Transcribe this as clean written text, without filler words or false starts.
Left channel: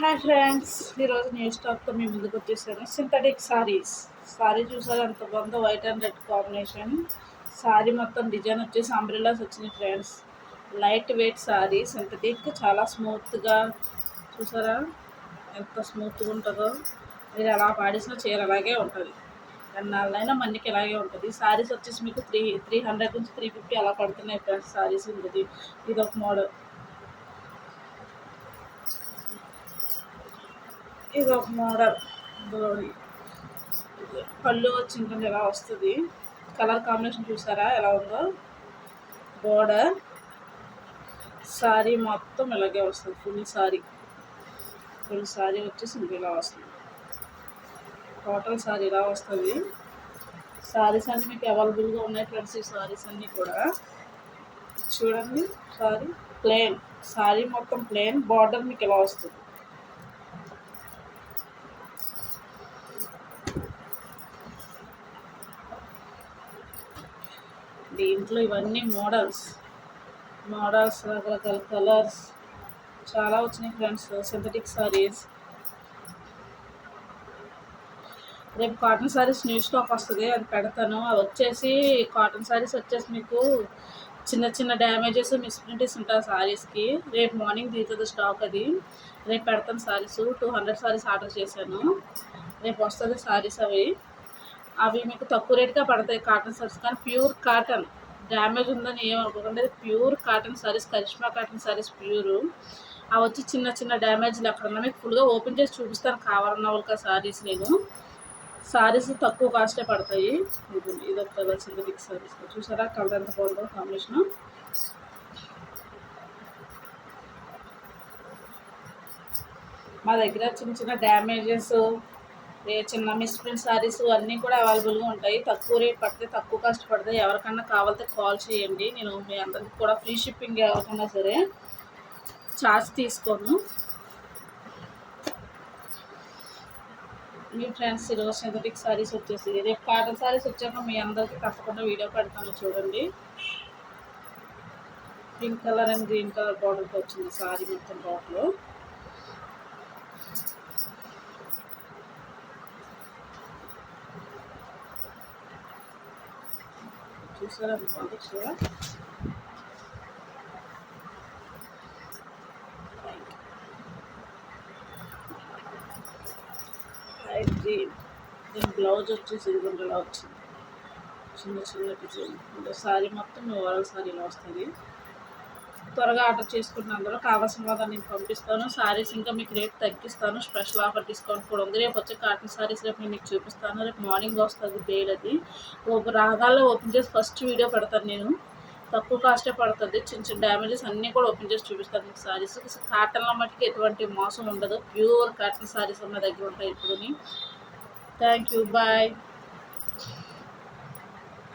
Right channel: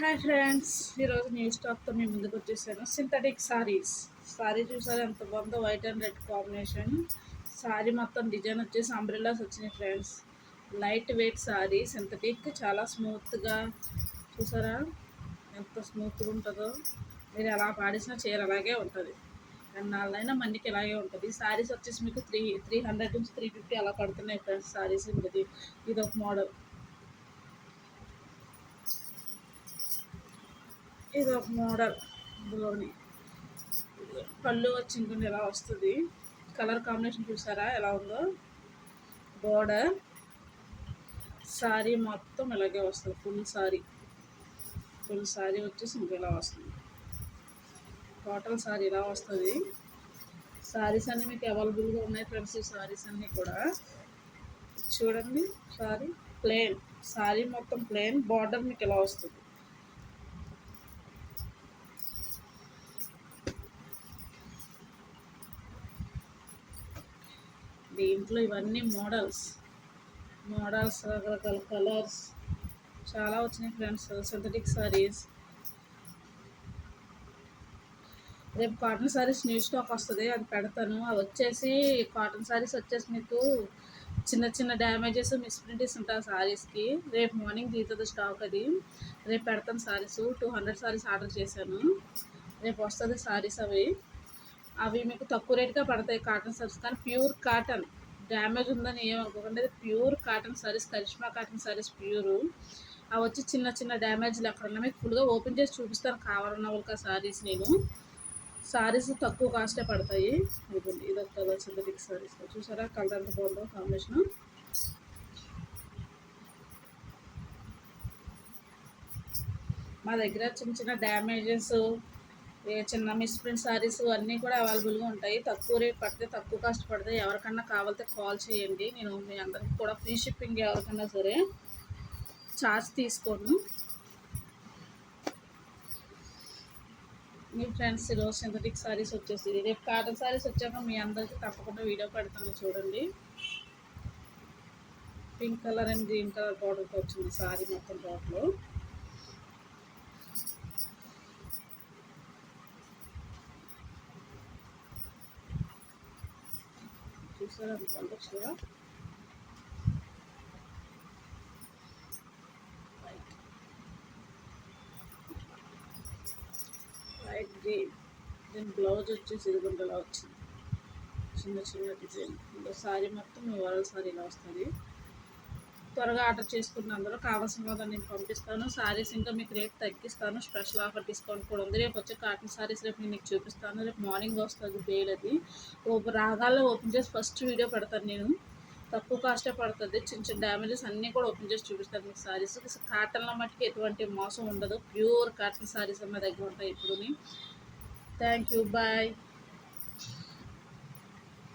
Hi friends, ఈరోజు నేను స్టాక్తో మీ ముందుకు వచ్చేసాను. సింథటిక్ సారీస్. సారీ చూసారు ఎంత బాగుందో, white and red combination. Sorry మొత్తం డిజైన్ వచ్చేసి అంబ్రెల్లాస్ వచ్చినాయి friends. Light weight sorry, synthetic, చాలా స్మూత్గా. చూసారా ఎంత స్మూత్గా ఉంటుందో. మీరు ఎలా పాడేసిన చీర అలాగే ఉంటుంది. ఎన్నాళ్ళైనా మన్నికి ఇలాగే ఉంటుంది. సారీస్ వచ్చేసి మీకు 300 నుంచి 350 అలా పడుతున్నాయి ఫ్రెండ్స్. సారీస్ ఇది ఒక మోడల్. ఇది ఒక మోడల్. పళ్ళు వచ్చిందండి ఎలా వస్తుంది. కలర్ కాంబినేషన్ చూసారా ఎలా ఉందో. బోర్డర్ సారీ మొత్తం ఇలాగే వస్తుంది. ఫుల్ సారీ వచ్చేసి ఇంక ఇలా వస్తుంది. టోటల్ సారీ ఇలా వస్తుంది. సారీస్ అన్నీ మీకు అవైలబుల్గా ఉన్నాయి ఫ్రెండ్స్. ఈ సారీస్ అన్నీ కూడా చూడండి. సారీ మొత్తం ప్లెయిన్, బార్డర్ మీకు ఇలా వస్తుంది. దీంట్లో ఇవన్నీ మోడల్స్ రకరకాల కలర్స్ చాలా వచ్చినాయి ఫ్రెండ్స్. సింథటిక్ సారీస్. రేపు కాటన్ సారీస్ న్యూ స్టాక్ వస్తుంది, అది పెడతాను. అది వచ్చేసి కాటన్ సారీస్ వచ్చేసి మీకు చిన్న చిన్న డ్యామేజెస్, మిస్ప్రింట్స్ ఉంటాయి సారీస్కి. రేపు మార్నింగ్ దిగుతుంది స్టాక్. అది రేపు పెడతాను సారీస్. 200 సారీస్ ఆర్డర్ చేశాను. రేపు వస్తుంది సారీస్. అవి మీకు తక్కువ రేట్గా పడతాయి కాటన్ సారీస్. కానీ ప్యూర్ కాటన్, డ్యామేజ్ ఉందని ఏమనుకోకండి. Pure cotton sarees, Karishma cotton sarees pure. అవి వచ్చి చిన్న చిన్న డ్యామేజ్లు ఎక్కడన్నా మీకు ఫుల్గా ఓపెన్ చేసి చూపిస్తాను కావాలన్న వాళ్ళకి. సారీస్ సారీస్ తక్కువ కాస్టే పడతాయి. ఇది ఒక కలర్ సింథటిక్ సారీస్. చూసారా కలర్ ఎంత బాగుందో కాంబినేషన్. మా దగ్గర చిన్న చిన్న డ్యామేజెస్, చిన్న మిస్ప్రింట్ సారీస్ అన్నీ కూడా అవైలబుల్గా ఉంటాయి. తక్కువ రేట్ పడతాయి, తక్కువ కాస్ట్ పడతాయి. ఎవరికన్నా కావాలంటే కాల్ చేయండి. నేను మీ అందరికి కూడా ఫ్రీ షిప్పింగ్, ఎవరికన్నా సరే ఛార్జ్ తీసుకోను. మీ ఫ్రెండ్స్ ఈరోజు సింథటిక్ సారీస్ వచ్చేసి, రేపు కాటన్ సారీస్ వచ్చాక మీ అందరికీ తప్పకుండా వీడియో పెడతాను చూడండి. Pink colour and green colour బార్డర్తో వచ్చింది సారీ మొత్తం బార్డర్లో. చూసారా బాగా. దీని బ్లౌజ్ వచ్చేసి ఇలా వచ్చింది, చిన్న చిన్న డిజైన్. అంటే సారీ మొత్తం ఓవరాల్ సారీ ఇలా వస్తుంది. త్వరగా ఆర్డర్ చేసుకున్న అందరూ కావాల్సిన వాళ్ళ నేను పంపిస్తాను. సారీస్ ఇంకా మీకు రేట్ తగ్గిస్తాను. స్పెషల్ ఆఫర్ డిస్కౌంట్ కూడా ఉంది. రేపు వచ్చే కాటన్ సారీస్ రేపు నేను మీకు చూపిస్తాను. రేపు మార్నింగ్ వస్తుంది బేల్. అది రాగాల్లో ఓపెన్ చేసి ఫస్ట్ వీడియో పెడతాను నేను. తక్కువ కాస్టే పడుతుంది. చిన్న చిన్న డ్యామేజెస్ అన్నీ కూడా ఓపెన్ చేసి చూపిస్తాను మీకు సారీస్. కాటన్లో మట్టుకు ఎటువంటి మోసం ఉండదు. ప్యూర్ కాటన్ సారీస్ ఉన్న దగ్గర ఉంటాయి ఇప్పుడు. Thank you, bye.